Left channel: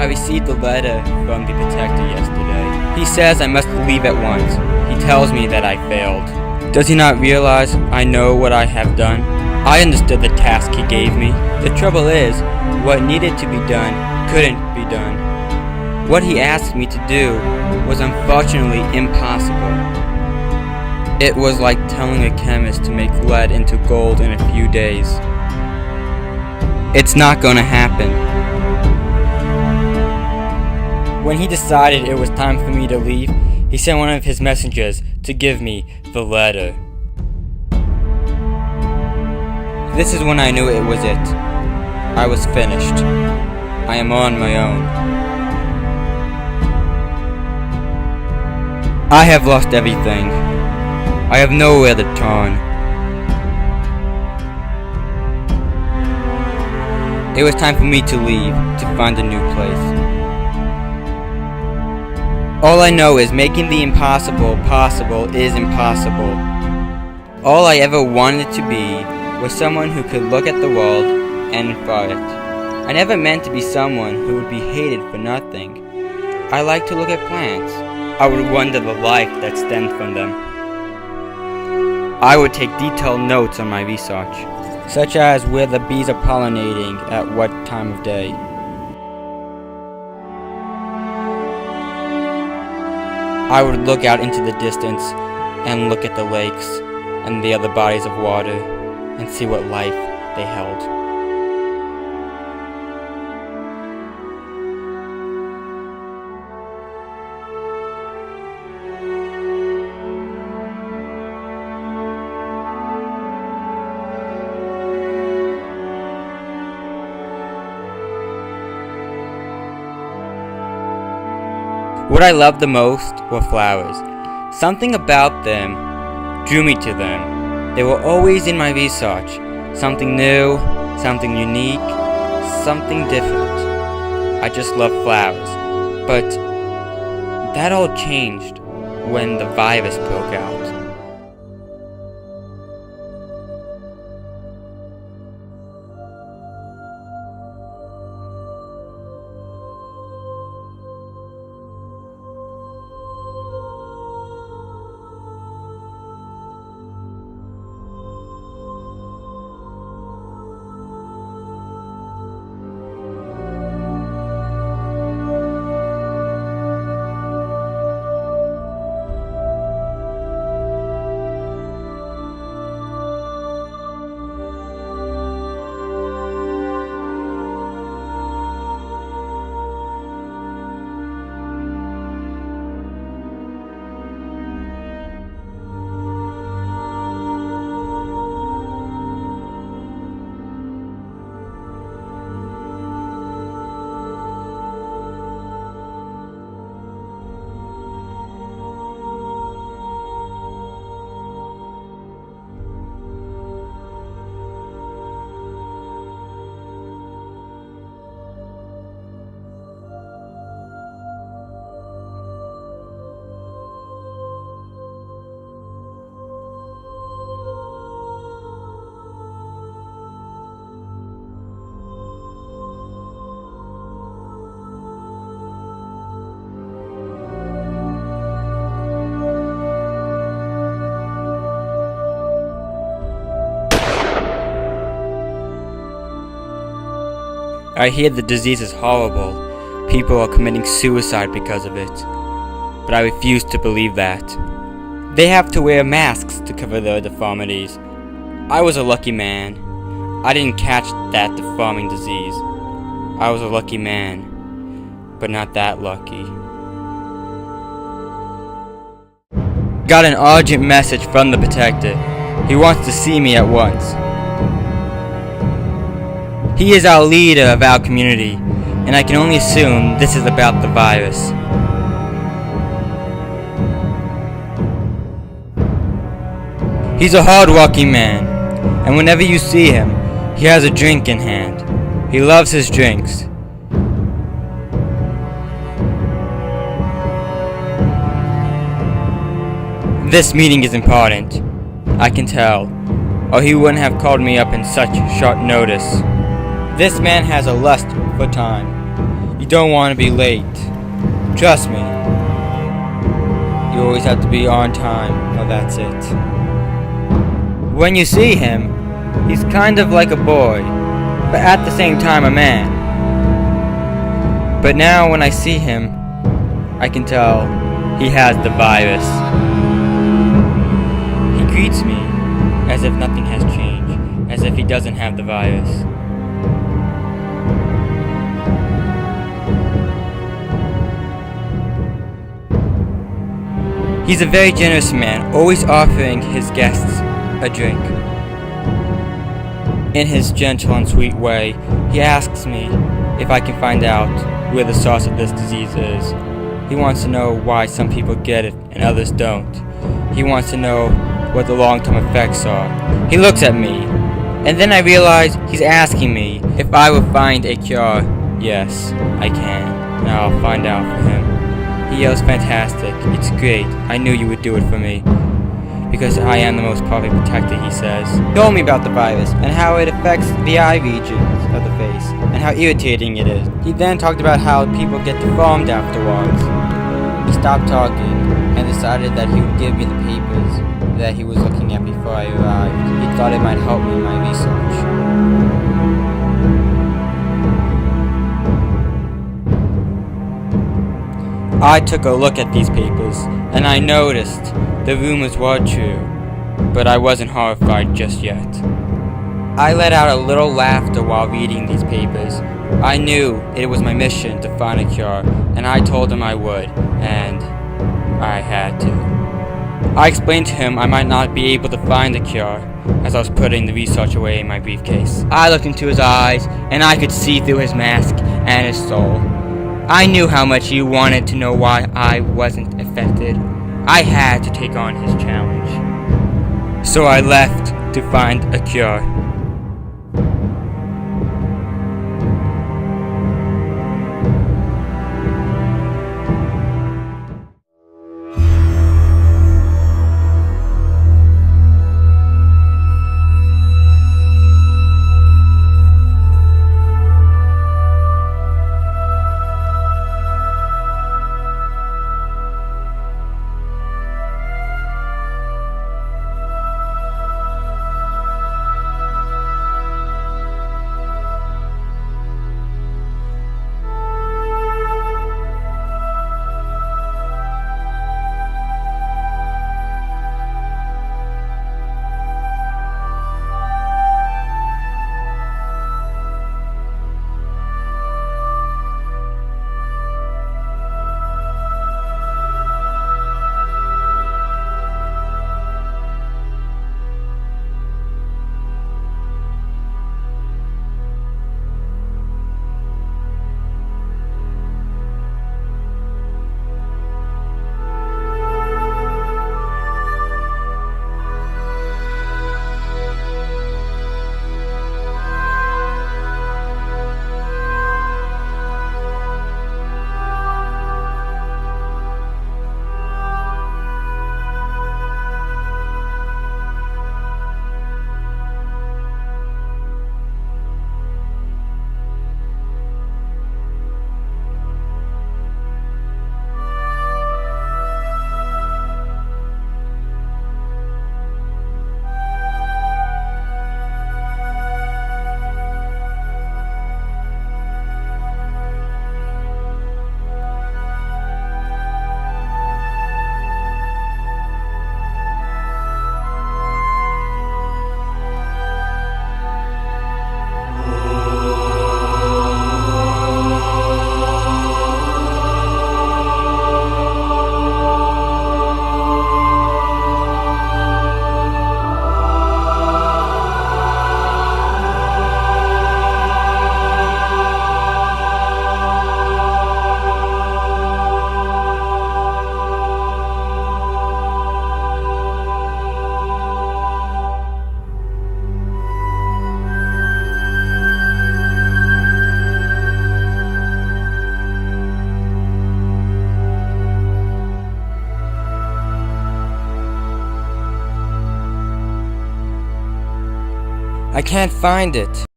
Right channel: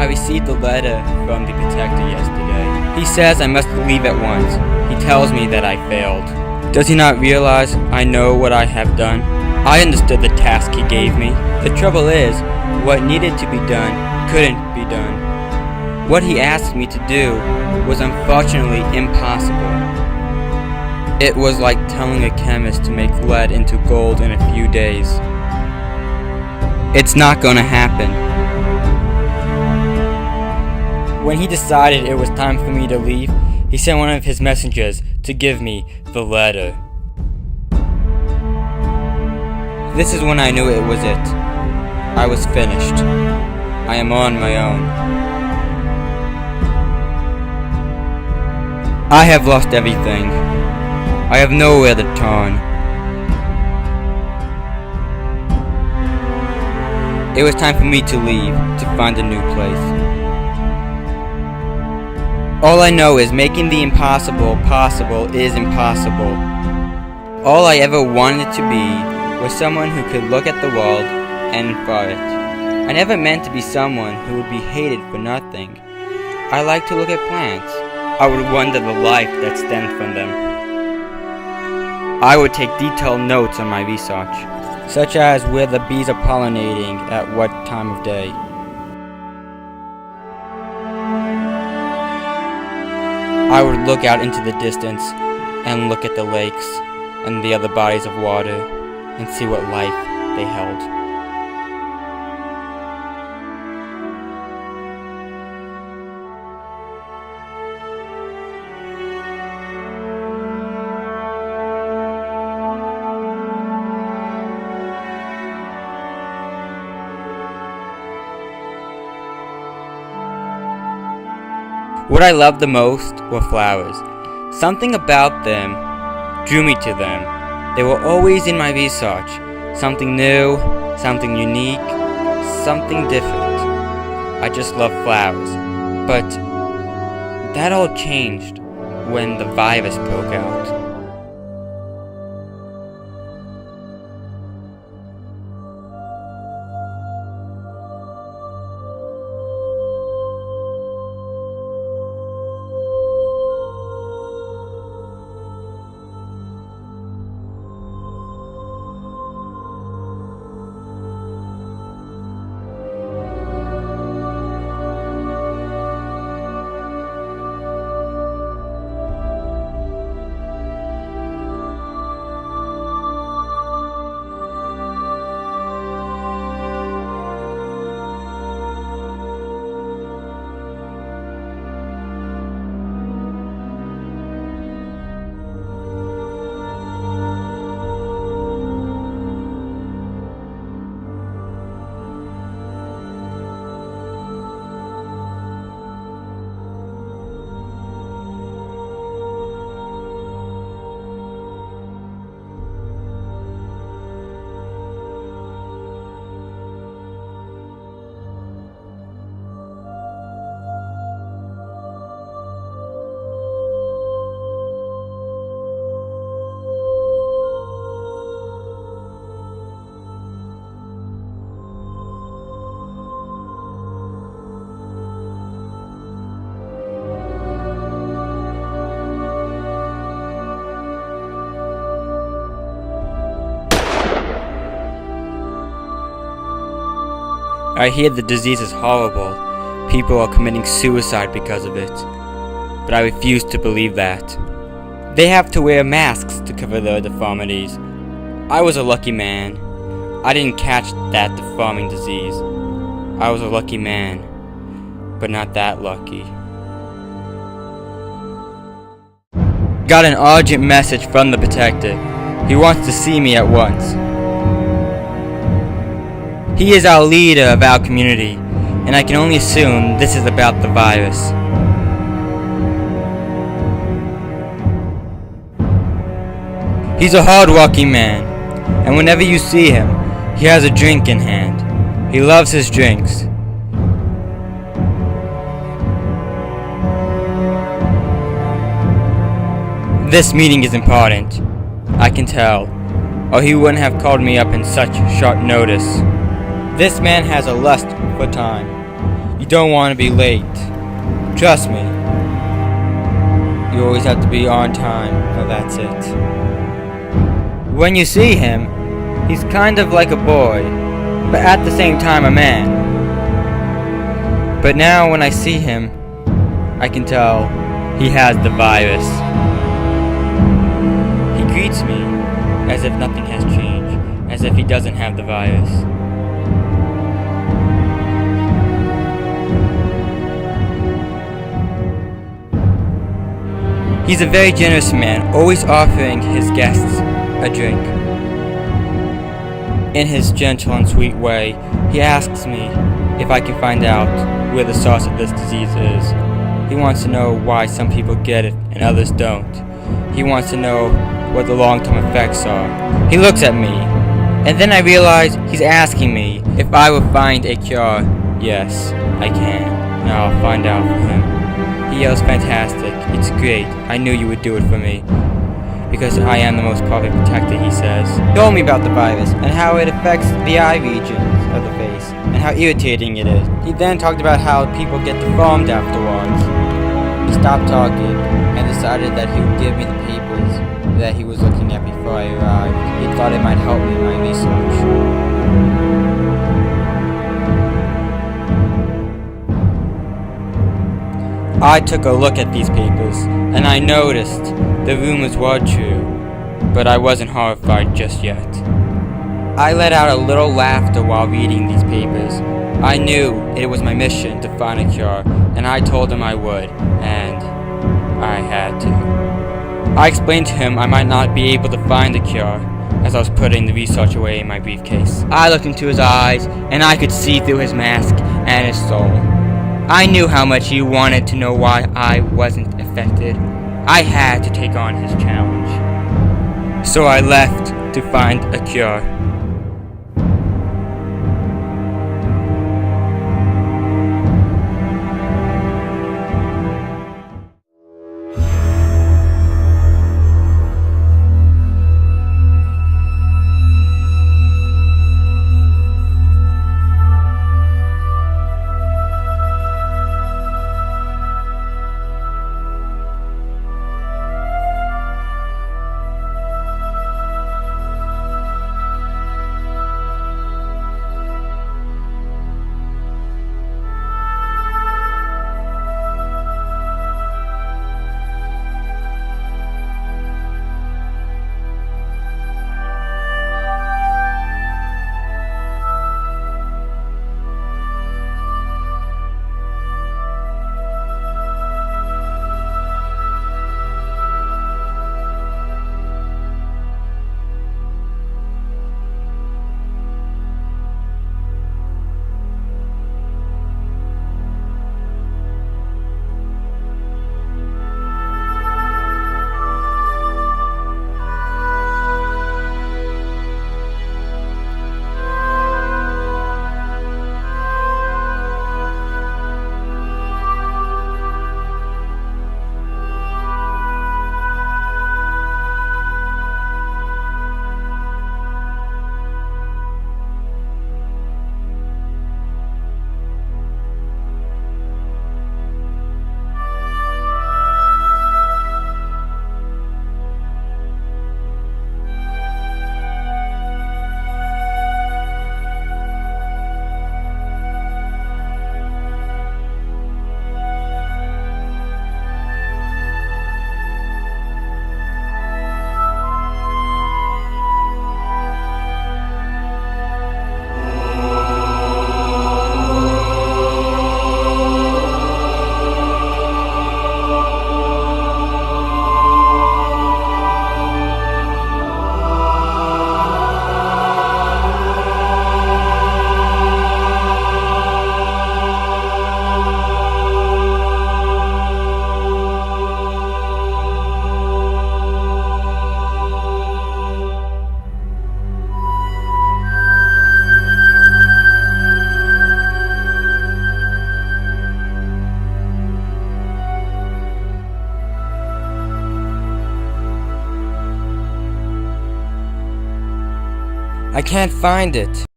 I received a letter from the protector yesterday. He says I must leave at once. He tells me that I failed. Does he not realize I know what I have done? I understood the task he gave me. The trouble is, what needed to be done couldn't be done. What he asked me to do was unfortunately impossible. It was like telling a chemist to make lead into gold in a few days. It's not gonna happen. When he decided it was time for me to leave, he sent one of his messengers to give me the letter. This is when I knew it was it. I was finished. I am on my own. I have lost everything. I have nowhere to turn. It was time for me to leave, to find a new place. All I know is making the impossible possible is impossible. All I ever wanted to be was someone who could look at the world and infer it. I never meant to be someone who would be hated for nothing. I like to look at plants. I would wonder the life that stems from them. I would take detailed notes on my research, such as where the bees are pollinating at what time of day. I would look out into the distance and look at the lakes and the other bodies of water and see what life they held. What I loved the most were flowers. Something about them drew me to them. They were always in my research. Something new, something unique, something different. I just loved flowers. But that all changed when the virus broke out. I hear the disease is horrible. People are committing suicide because of it. But I refuse to believe that. They have to wear masks to cover their deformities. I was a lucky man. I didn't catch that deforming disease. I was a lucky man, but not that lucky. Got an urgent message from the protector. He wants to see me at once. He is our leader of our community, and I can only assume this is about the virus. He's a hard-working man, and whenever you see him, he has a drink in hand. He loves his drinks. This meeting is important. I can tell, or he wouldn't have called me up in such short notice. This man has a lust for time. You don't want to be late. Trust me. You always have to be on time. Oh, that's it. When you see him, he's kind of like a boy, but at the same time a man. But now when I see him, I can tell he has the virus. He greets me as if nothing has changed, as if he doesn't have the virus. He's a very generous man, always offering his guests a drink. In his gentle and sweet way, he asks me if I can find out where the source of this disease is. He wants to know why some people get it and others don't. He wants to know what the long-term effects are. He looks at me, and then I realize he's asking me if I will find a cure. Yes, I can, and I'll find out for him. He yells, "Fantastic, it's great, I knew you would do it for me. Because I am the most perfect protector," he says. He told me about the virus, and how it affects the eye regions of the face, and how irritating it is. He then talked about how people get deformed afterwards. He stopped talking, and decided that he would give me the papers that he was looking at before I arrived. He thought it might help me in my research. I took a look at these papers, and I noticed the rumors were true, but I wasn't horrified just yet. I let out a little laughter while reading these papers. I knew it was my mission to find a cure, and I told him I would, and I had to. I explained to him I might not be able to find the cure, as I was putting the research away in my briefcase. I looked into his eyes, and I could see through his mask and his soul. I knew how much he wanted to know why I wasn't affected. I had to take on his challenge. So I left to find a cure. I can't find it.